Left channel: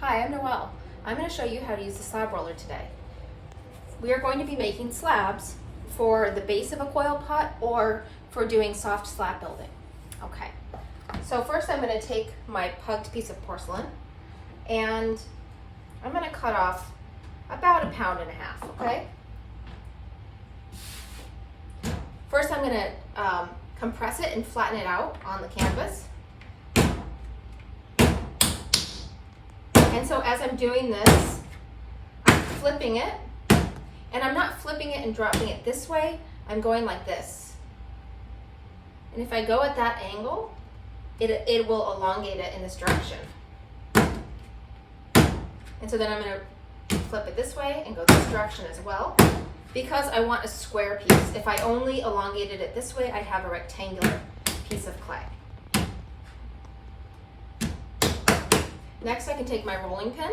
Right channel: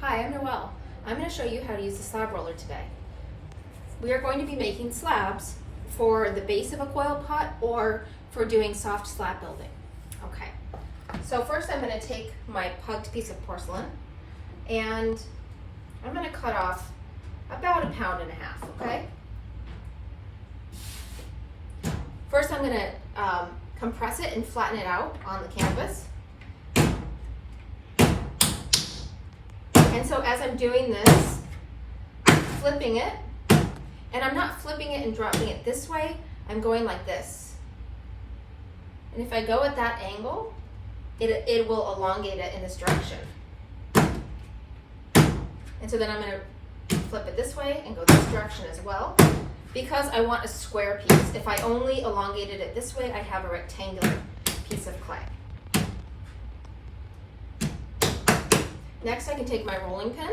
Hi, I'm Noelle. I'm going to show you how to use the slab roller today. We are going to be making slabs for the base of a coil pot or for doing soft slab building. Okay, so first I'm going to take my pugged piece of porcelain and I'm going to cut off about 1.5 pounds, okay? First I'm going to compress it and flatten it out on the canvas. And so as I'm doing this, I'm flipping it, and I'm not flipping it and dropping it this way, I'm going like this. And if I go at that angle, it will elongate it in this direction. And so then I'm going to flip it this way and go this direction as well, because I want a square piece. If I only elongated it this way, I'd have a rectangular piece of clay. Next, I can take my rolling pin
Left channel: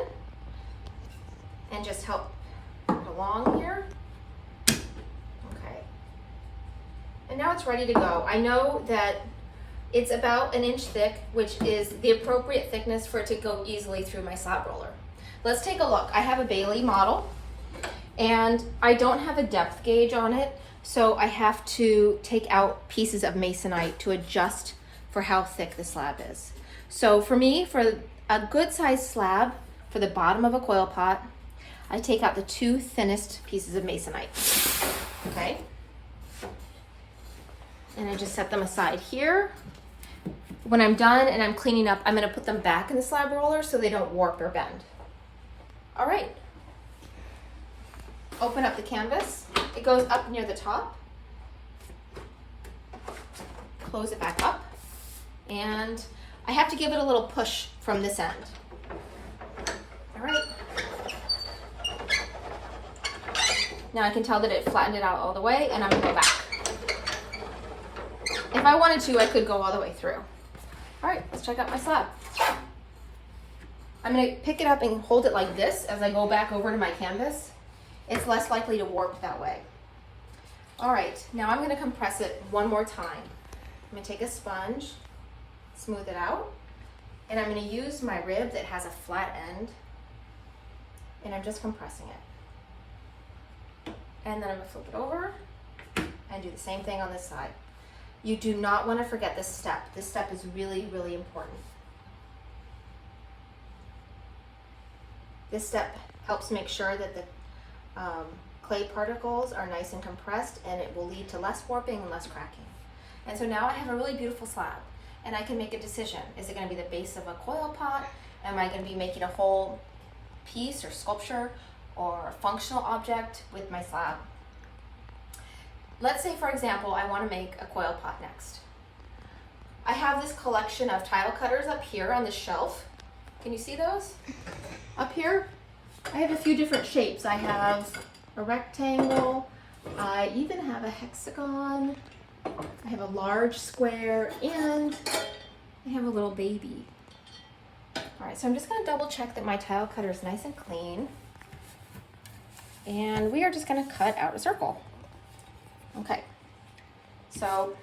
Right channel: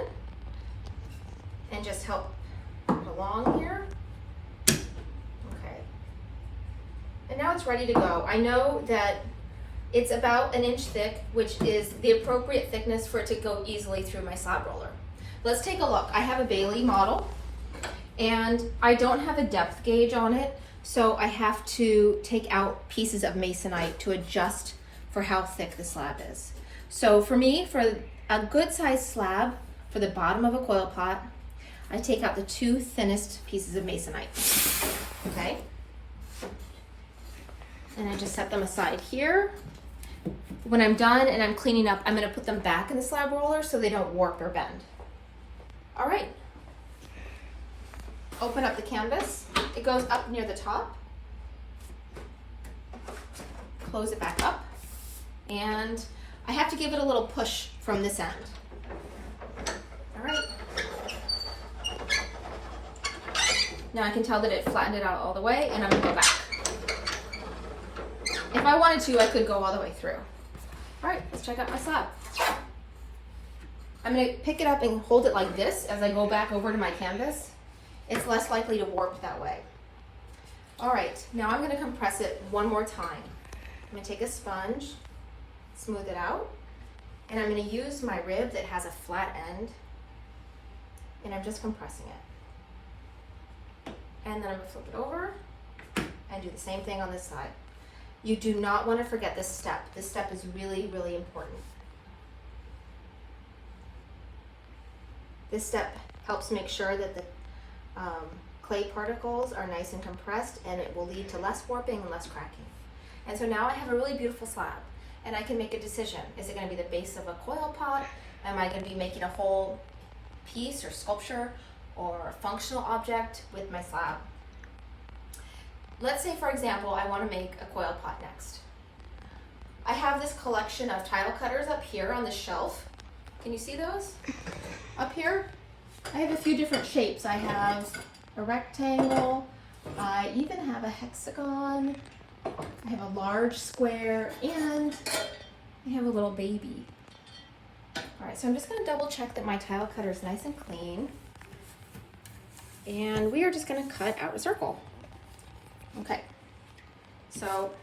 and just help it along here. Okay. And now it's ready to go. I know that it's about 1 inch thick, which is the appropriate thickness for it to go easily through my slab roller. Let's take a look. I have a Bailey model, and I don't have a depth gauge on it, so I have to take out pieces of masonite to adjust for how thick the slab is. So for me, for a good sized slab for the bottom of a coil pot, I take out the 2 thinnest pieces of masonite, okay? And I just set them aside here. When I'm done and I'm cleaning up, I'm gonna put them back in the slab roller so they don't warp or bend. All right, open up the canvas. It goes up near the top. Close it back up, and I have to give it a little push from this end. All right. Now I can tell that it flattened it out all the way, and I'm gonna go back. If I wanted to, I could go all the way through. All right, let's check out my slab. I'm gonna pick it up and hold it like this as I go back over to my canvas. It's less likely to warp that way. All right, now I'm gonna compress it one more time. I'm gonna take a sponge, smooth it out, and I'm going to use my rib that has a flat end, and I'm just compressing it. And then I'm going to flip it over and do the same thing on this side. You do not want to forget this step. This step is really, really important. This step helps make sure that the clay particles are nice and compressed, and it will lead to less warping and less cracking. And so now I have a really beautiful slab. And I can make a decision. Is it going to be the base of a coil pot? Am I going to be making a whole piece or sculpture or a functional object with my slab? Let's say, for example, I want to make a coil pot next. I have this collection of tile cutters up here on the shelf. Can you see those? Up here, I have a few different shapes. I have a rectangle. I even have a hexagon. I have a large square, and I have a little baby. All right, so I'm just gonna double check that my tile cutter is nice and clean. And we are just gonna cut out a circle. Okay, so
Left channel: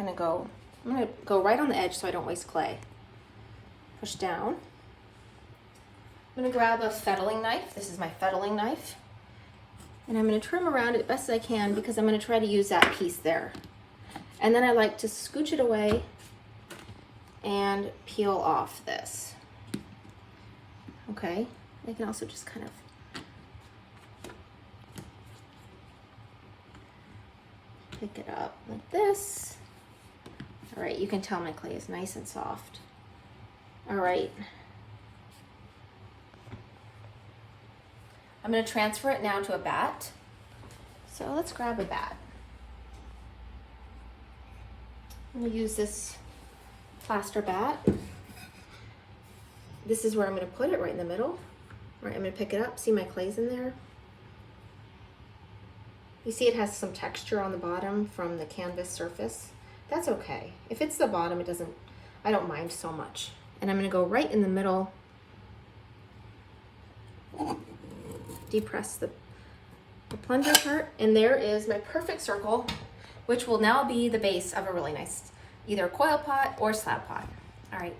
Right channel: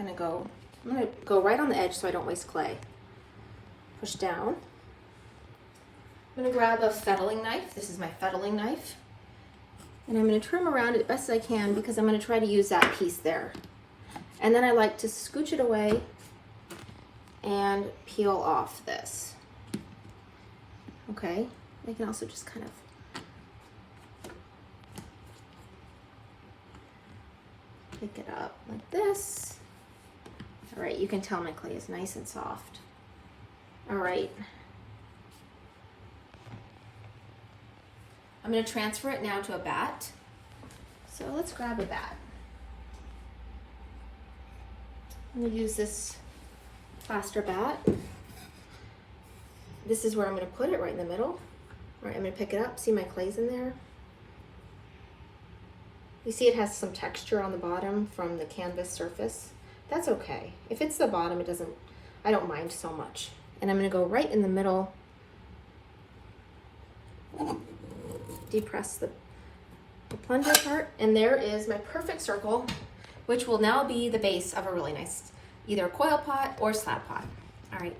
I'm gonna go right on the edge so I don't waste clay. Push down. I'm gonna grab a fettling knife. This is my fettling knife. And I'm going to trim around it as best I can because I'm going to try to use that piece there. And then I like to scooch it away and peel off this. Okay, I can also just kind of pick it up like this. All right, you can tell my clay is nice and soft. All right. I'm going to transfer it now to a bat. So let's grab a bat. I'm going to use this plaster bat. This is where I'm going to put it, right in the middle. All right, I'm going to pick it up. See my clay's in there? You see it has some texture on the bottom from the canvas surface. That's okay. If it's the bottom, I don't mind so much. And I'm going to go right in the middle. Depress the plunger part, and there is my perfect circle, which will now be the base of a really nice either coil pot or slab pot. All right,